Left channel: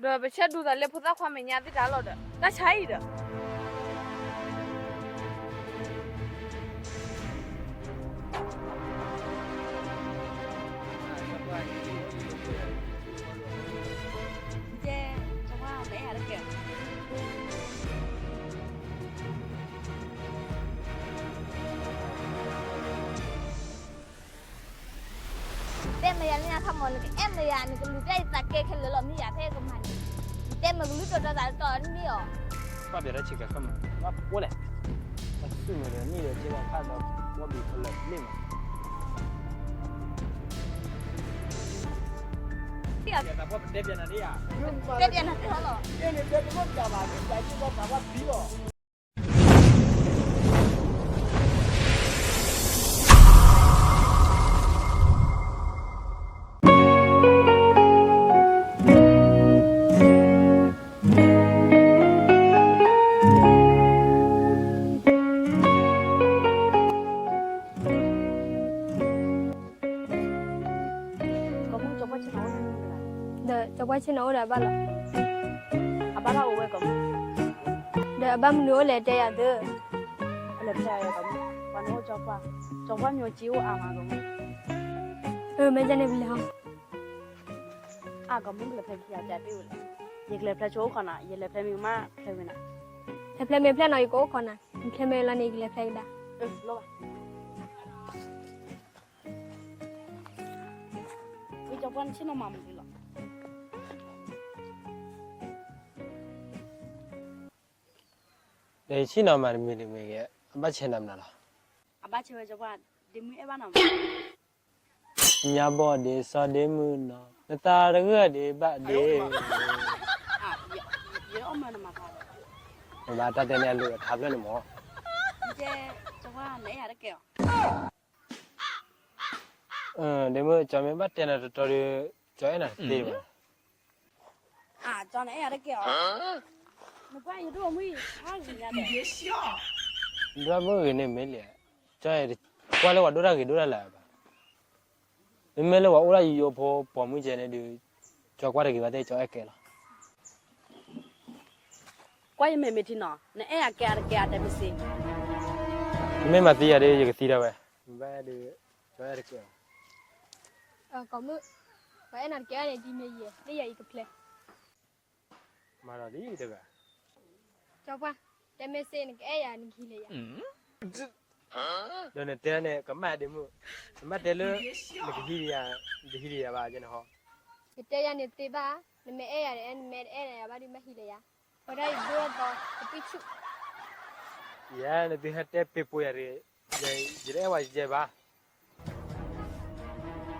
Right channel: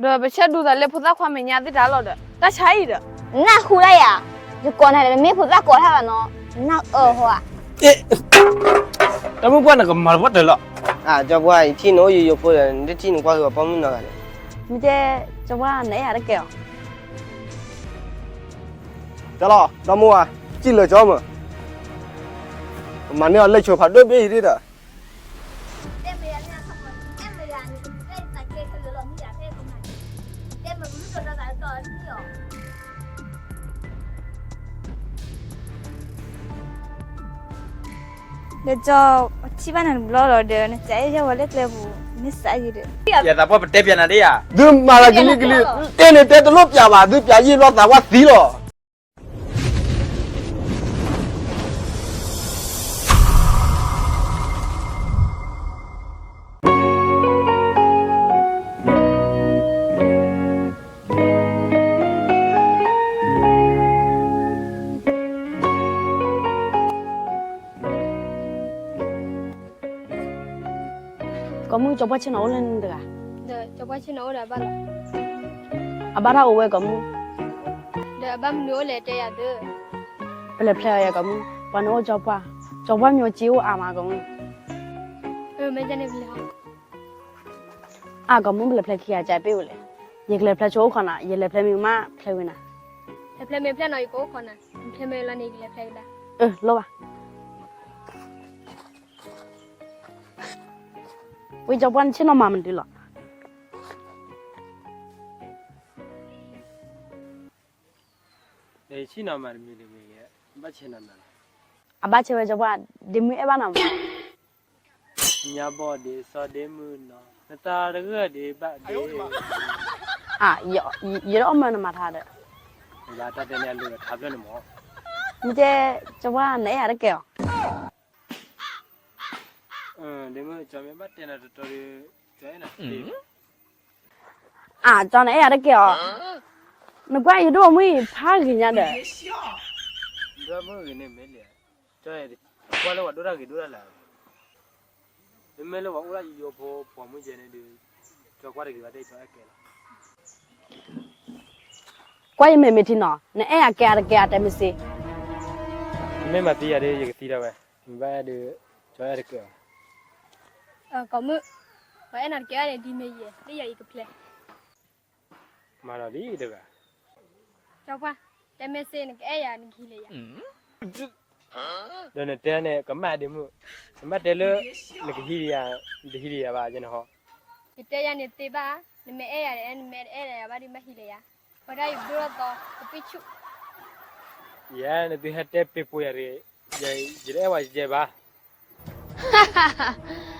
đó bây giờ đủ rồi, phụ gia khoa mình nhà đi trả lời được, ta chả ít được. Na khu đây à? Chứ còn này là mấy phụ gia của thằng nó, na ở hoa. Ê, ta muốn qua là cầm mà bắt được lọ. À, cho qua thì nó nói gì dục rồi, để chi nó qua rồi bấm nó lại. Mình chơi cho qua nãy à đã kéo Trả lọ, ta mua chỉ Chi lời cho mà. Mà nếu lấy chuột phải đôi bi đi đó. 还是没有。发表了几个分，那过来。ဒါကြောင့်ချိပနန်ဘလော့လော်ဒဲနဲ့ကြဲရောလက်လက်ဘူးမစ်စာရည်တဲ့။ပြာတာပေါ်တက်ပြန်လာတဲ့ရ။ဒီမာလာကလေးကလေးတင်းနေတဲ့တလို့ပြပါသူပြရည်တော့တာဝသီးတော့။ချင်းအောင်လန်တကဒါတပွဲချင်းအောင်လာပါလားအဘာသာအဝဲကမဒါဘာမလို့လဲတဲ့ရဘယ်ဘယ်လိုဖြစ်ရကမဘာနောကြောက်ပါကြောက်ပါမျိုးကြည့်ဦးအာမကမဟိုမင်းကျနေပြီလားအာကမုံးလည်းဖက်ခရကြိုက်ပေးဦးလေရေကလေးဖက်ချိုးခွန်တာရေလေးဖက်မိမဖက်ဝင်တာဖက်မိဖက်နော်ကိုခွန်တာဖက်မိလည်းနေကလေးဖက်တာအင်းလောပါ为啥把你请到妈妈的了？你请到妈妈的没给？阿爸请到哪了？阿爸请回家把你没办法。你要把你说的没呢？那大的哥的爸的。哎呦我的妈！啊，要要我们那么大的？你家大爹娘的，他不能摸。你这这把哪样的给？nếu mà cho mấy bắt tiền là cho đi cho ấy này tìm à cho này là cái kiểu nó quay gì đâu mới phá gì nhá đấy đó mới gì này mới lẽ cho ấy qua lúc đó ra gì đó là làm nên mới lúc đó ra gì vô phố bỏ mũi chân này đi cho qua được cái vấn đề cho ấy kể là qua gì mới mới tin nó nên ấy là kia là kia tại mình mấy mà tiền đấy gì cái tiền đâu vậy vậy được cho ấy được kiểu kamu mai nak kira ni di mana ni ya ikut le mana di itu ka coba temese ni ke ayah ni kira ya dan itu ni kemar di mu kemar dulu ni kiri ya di kiri ya baju ni ho itu ayah ni tiba ni mai ayah ni mai ayah ya baru mai kira ya pada ibu atau tapi cu ya ni tuh hati pipu ya ni jadi jadi apa jadi bah 哈哈哈。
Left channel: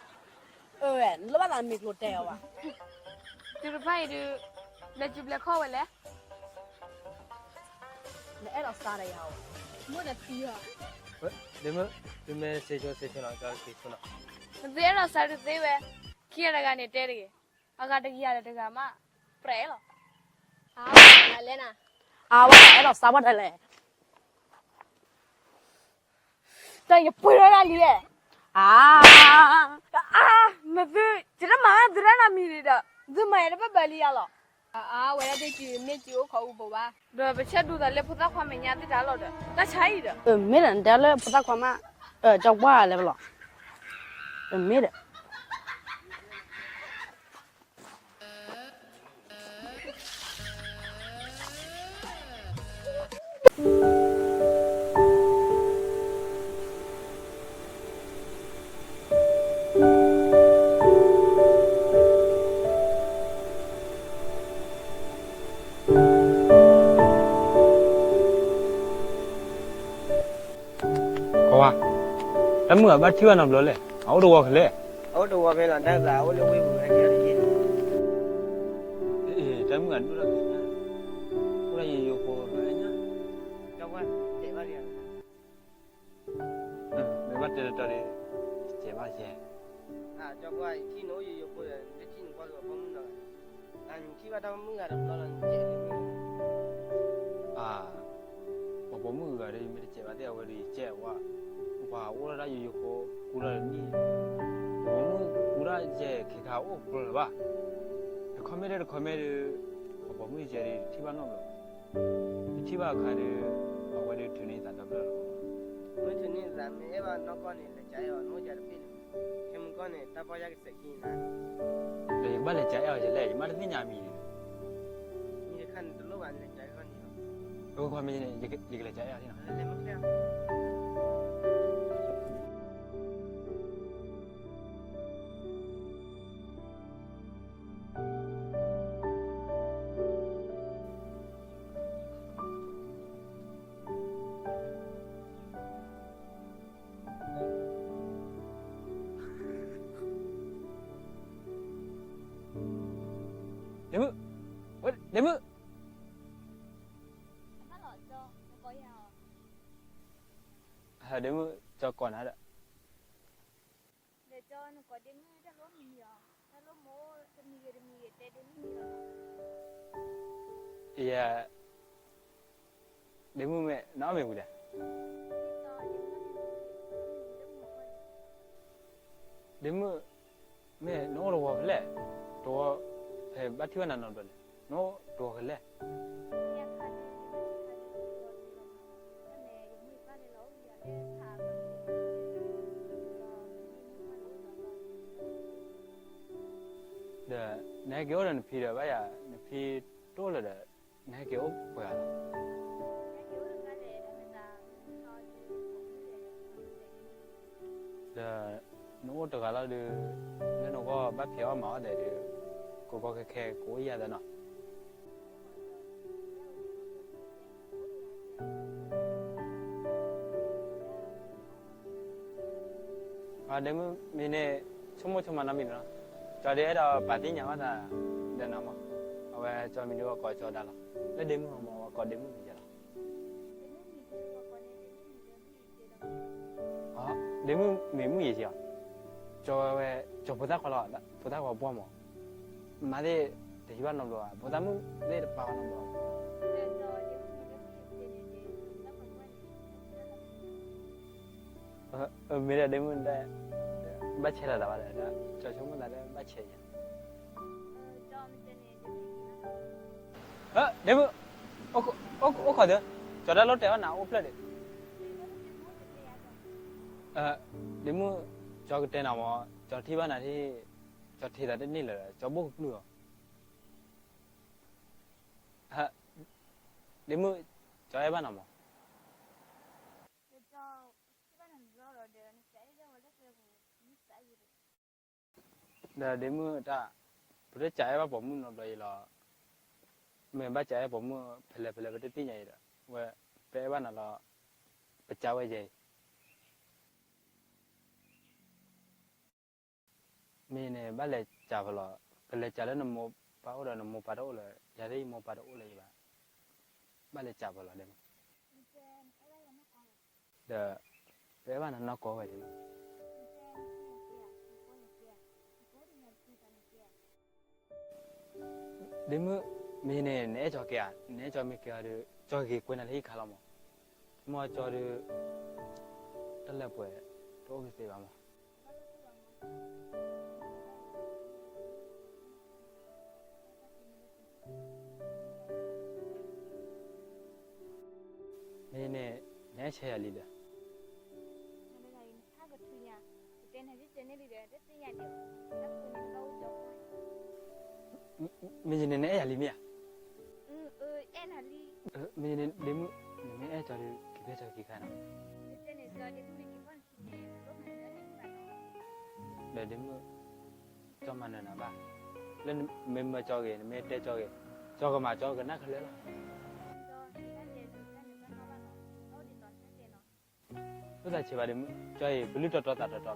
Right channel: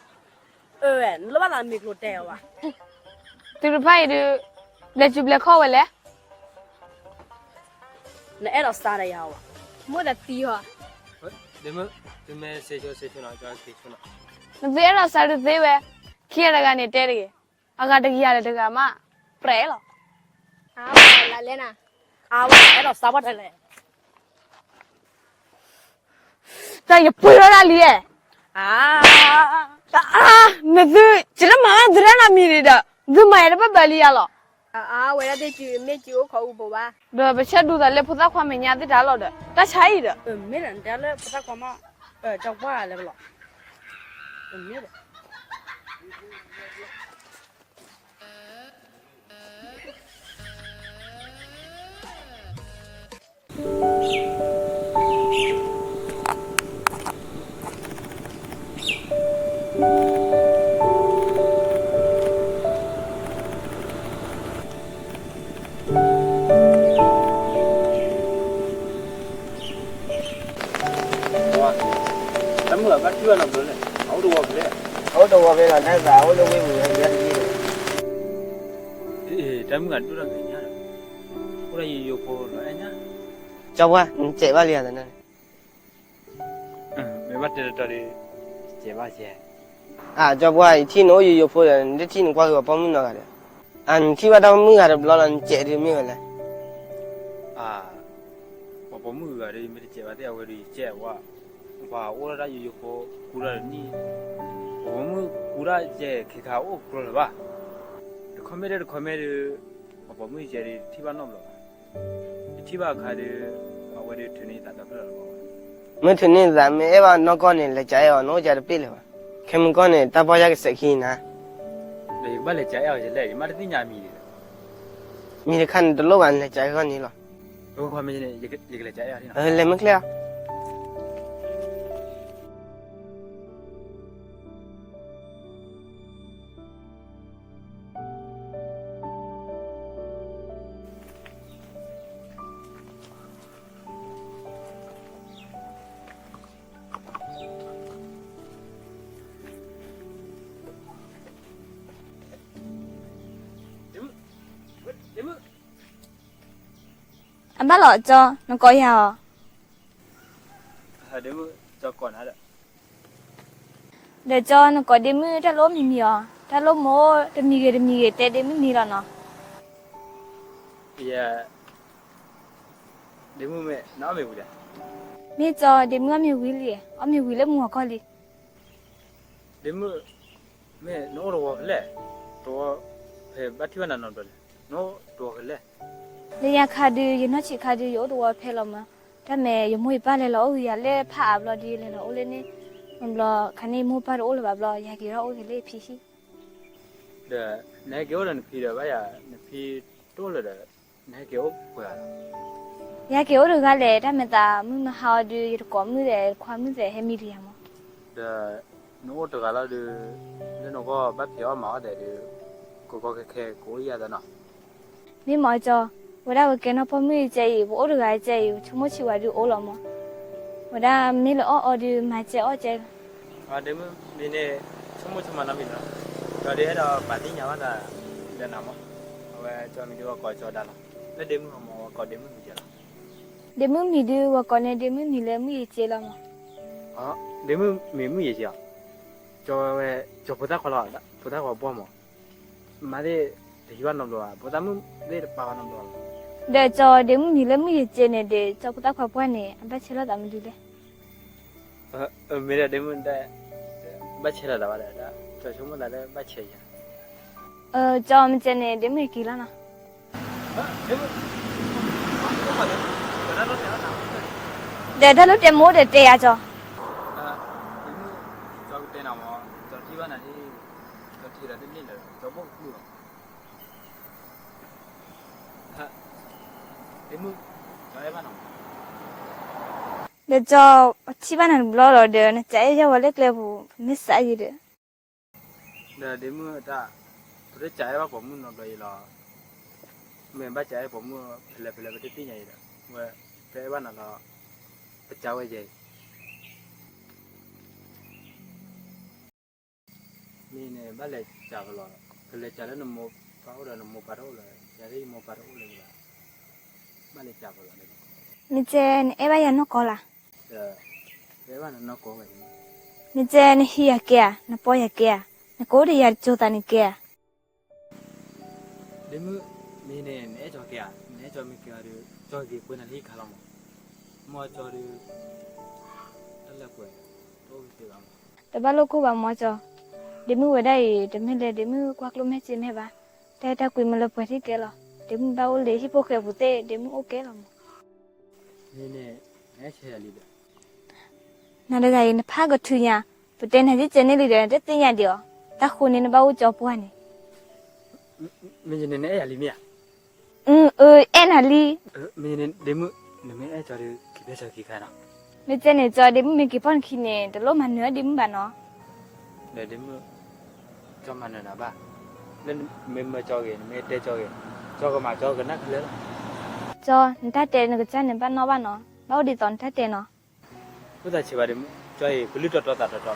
เออแล้วว่าเรามีโรเตลว่ะตไปดูเลจูเบลคอวเลยนเอราสตาร์ยาวะมดตีวะเดี๋ยวมดเมื่อเสียชเสียชนะก็เสียชนะเราสตาร์ดูเวะขี้อะไรกันเนี่ยเจอเลยอากาศดีอะไรดีกามาเปลเหรออาวเลนะอาวเราสามารถเลยต่อย่พูดอะไรเลยอ่าအာမသူကျွန်တော်မမဒရနာမီရတာဒီမရပပလီရလော အာအဝရတဲ့ကြီးမေကြီးကိုခေါ်ဖို့ပါဘာပဲချက်တူတာလေဖုသခွမညာတိတာလောတဲ့တချိုင်းရမင်းလည်းဒါလည်းဖုသခွမအဲကြောက်ပါလေဘလောမင်းလည်းကျွတ်နော်ဘယ်လိုလဲဟောတော့ဝလဲဟောတော့ဝပဲကနိုင်စာဟောလို့ဝင်းဘူးလေအေးတမ်းကတို့ရပြန်ရခုလိုက်ရင်ရောပေါ်တော့နော်ကျောက်ဝမ်းကျေပါလေရတယ်နော်မြမတက်တက်တော်ကျေပါစေအာကျောက်ဝမ်းချင်းတို့ရေရောဖို့တယ်တချင်းကွာဆိုပေါင်းမနော်ကလေအန်ချိဝတော်မူကလည်းဘလောလန်ကျေတယ်မြေလေအာဘဘမူကလည်းမြေကျေပါတဲ့အဝယ်ကြီးကျေဝါ话，我那有一个古人你，我们古人也去看我古人吧。看没得，看没得，我把门接的提把弄了。提把开的，把我的村里打打不了。没村里咱们那帮老高人来摘哦，老家的白了。看我们高人打包下个石器呢。来，没来摘哦，就来，没得地家米。你看，都老板来摘个你了。我看没得，一个一个来摘哦。呃，来没来啊？Em ư? Em bắt lại cho, nó có hả? à? Hãy cho con hả Để cho nó có đêm mưa ra lỗ mì mì à? Ra lỗ mô, ra mì gì ra mì gì, tê đêm mì là nó. Dạ. Đêm mưa mẹ, nó về vụ dạ? Mẹ cho đêm mưa mẹ quý lì, ở mì quý lì mùa có lì. Đêm mưa, mẹ nó rồi lẹ, tôi phải bắt chứa nó rồi နော်တော့လေလေရခါဒီရနှချခါဒီရောတော့ဖဲလမဒါမဲ့ရမွေပတ်လေလို့အူရလေဖာဘလို့ဒီလေလို့အိုလေးနေဘလခနေမူပတ်အိုလေဘလရကြီးရောအိုလေးဖြီးရှိဒါနေကြောတယ်ဖြီးတော့ဗျာမဖြီးတော့လေတဲ့နေကြောပွာရကြောတော့လေဒါမဲ့သာမမဟာဒီရကောမှုတဲ့ခွန်မှုတဲ့ဟဲမီရီယမဒါနော်တော့လာလို့ဘယ်တော့ဘာဖြစ်ရမှာတဲ့ကိုကိုကခဲကိုရရတဲ့နော် mà, 你妈叫，我那会跟他旁边在游，我都还在游，全部去外头学了嘛。我那没了二二的，买只二只。啊，你们没呢？全部去买那边了。在这到白天伢们在在那么，我叫你我搞叫得了。那你们嘛，我搞你们。để mướn mì đưa và còn này để mướn mì lấy mướn gì chơi lắm à để mướn mì mướn gì chơi à cho cho bữa tao khỏi lo đó bữa tao khỏi bỏ mà mà đi ဒီဘက်တော့လောဘုသာမလေးပါကတော့လောဒါကြောဒီမူညီလည်းမူရဲ့ကျင်းနေတဲ့ကြောက်တာခွားပွက်နေအပတ်ချလာတာမကြည့်လေအမေရဒီမူတဲ့ဘတ်ချလာတာပါလားကျောင်းချုံးမှာလည်းဘတ်ချရင်အဲကြောင်းမကျင်းနေဒီမူကြီးလားနော်ဟဲ့ဒီမူဟုတ်ဟုတ်ဟုတ်ပါတယ်ဒါနဲ့တော့နားမလည်ဒါထက်လို့တင်မိုးတယ်တဲရကြောအဲဒီမူကြောက်တဲ့နာမောကျောင်းထိပါနိုင်ကြောက်ထိတာတိမြင့်လာတော့ကျောင်းမို့ခုတော့ đến mưa cho em ăn không để cho chị bán hàng lo rồi để nó chạy cho vào lấy cái bộ mít xả gì đó để đến mưa ta tôi chạy vào bọn mình rồi là mình bắt chạy bọn mưa phải là phải là cái tí nhảy đó và phải bán là phải chào cái gì mình này bắt lại chào vào là phải lại chào đến một phao rồi một phao rồi là đi một phao rồi là mana cakap lah ni? Ni je, Eva yang nak kola. Dah, Eva nak nak kola ni. Ni je, ni hiya kia, ni poya kia, ni kau dia yang cuita ni kia. Demu, mana ni? Ni cakap kia, ni cakap mikir ada, cakap dia kau nak hi kalam. Mau cakap dia, ada apa? Tunggu sebentar. Tapi kalau kau bawa mau cakap, demu ada, demu ada, demu kau keluar macam ni apa? Tapi tak kau malu pergi kelo dem bao tê ok le hi nè bute dem oke lam ne ne ne che ali da na da yin pha go thu nya bute na ji chen ne li de de tin ya de o ta khu ne bao nè po ne me ne ne ali mi ya um e nè ali me ne dem ne me ai chare ki ba cha ki ka nè me chen ne jo dem me ki nè, khi ne de lo man ne dem ba no ne dem cho man na ba nên mình mới cho cái mình để cho cái จอก็มาจอกันนักเลยจอนถ้าเตนก็จะเนี่ยบ้านนอบ้านเนาะเราดีตอนถ้าเตนเนาะก็จะชิวาดิจอยบลิตรตัวตัดตัว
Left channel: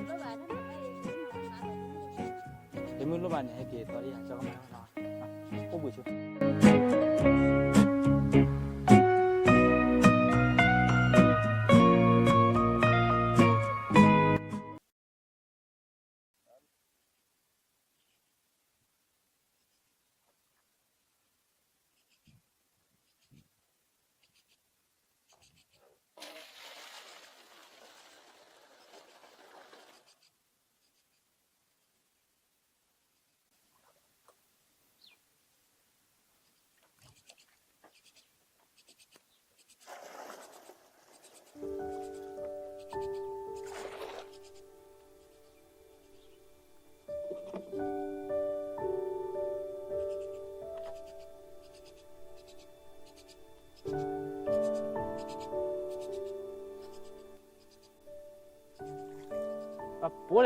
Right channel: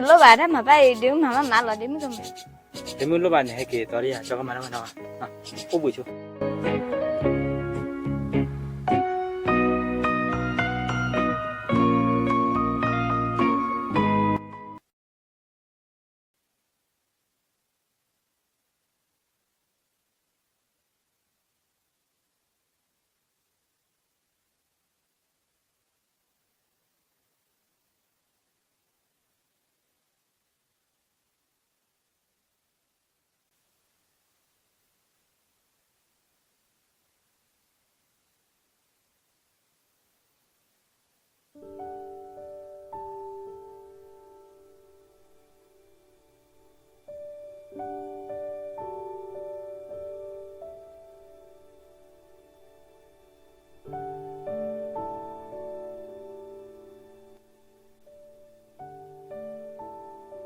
đến lúc bà đó mà bây đứa mà mãi là đến mới không biết đến lúc bà này hay kì tao đi à cho các bạn nó nào à phút buổi chưa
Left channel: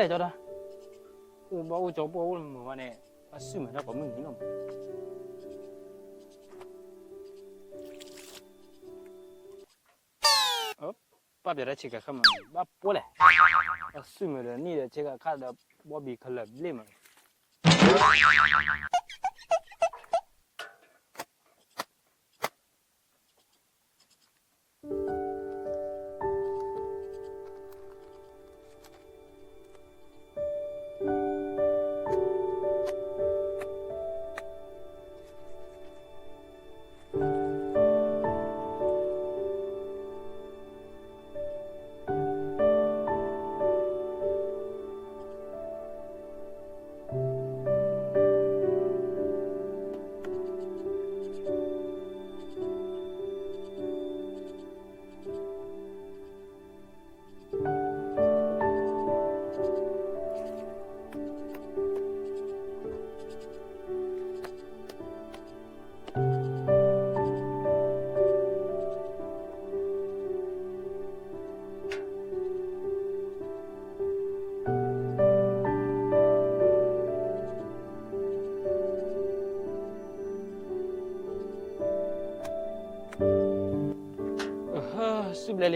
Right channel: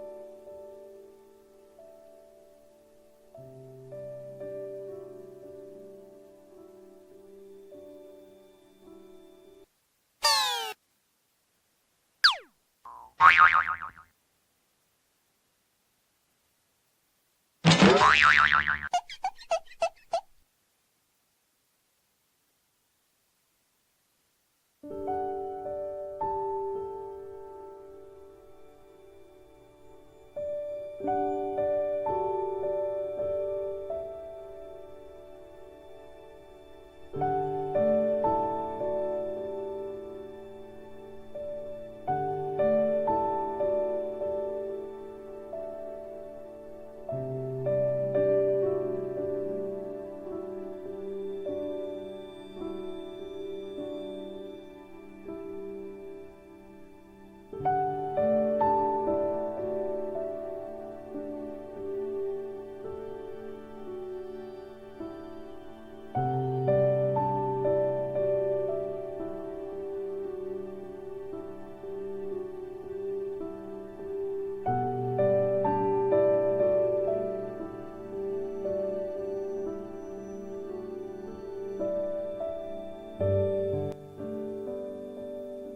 lại cho ta u bố cháu bố mà bạn này mà sư mà ta có mình không bà biết ra chỉ cái không bà bố lại mà là ni để chỉ cái khác là bố bị khờ lệ mà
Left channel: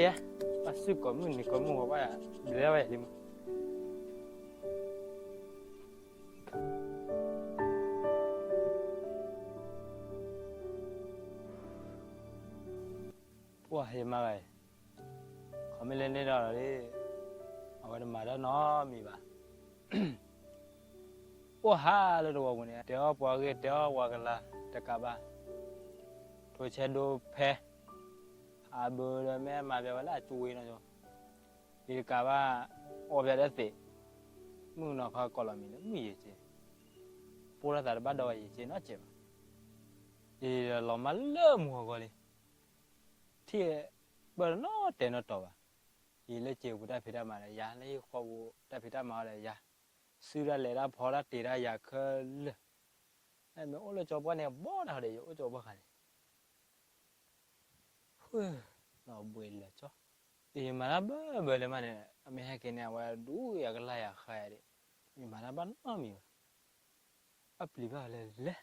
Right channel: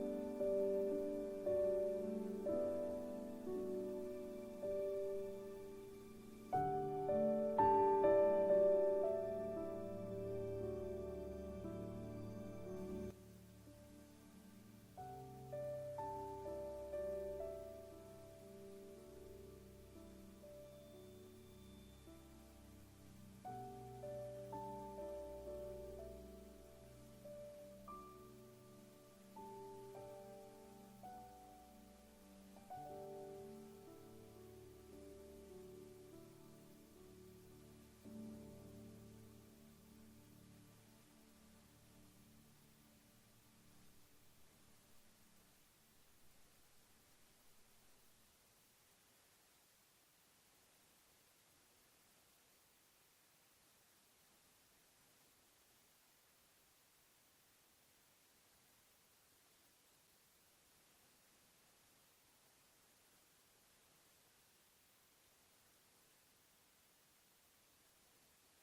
ลยปัสสุกมุนนี่ก็มูว่าเลยว่าที่ว่าเห็นมาไงขอไม่เล่นได้หรอกนี่เอาไว้มาแล้วเนาะมีปะว่าฮาเลยตัววันนี้เดี๋ยวปวดเกิเดียวปวดกันละจะกลับปะโดยเช่นดูแพ้อาเบอร์แม่มาแบบว่า่วยนะจ๊ะดีกว่าโอบยาได้สิมึงนอกเขากลอมีนมีเจปูระดับบ้าดอยเจนอเจ็บอีหลอมาเลิ่มหัวกอลีที่เบอร์นอเตนอตัวอีเลเจกูได้พิดามาเลยยาในขวูไต้พิดามาเลยยาสุ้อไเลยได้พอไดตีได้อยากเลื่อนไอ้เมื่โอ้เลยจบวันเนี่ยบ่ได้เลยโอ้จบวันเนีย Oh, no ba bwele mane ami ha ke ne wa du ya gla khare ni mara ba no le le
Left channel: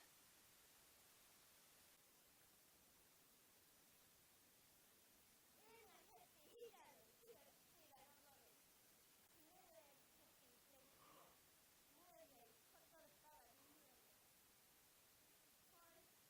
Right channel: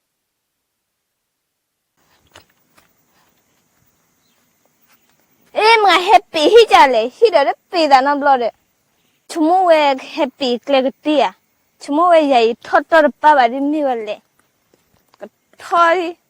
e ma happy hi ja le hi da le chumo we happy kle ge chumo we ya i thot ni ni thoi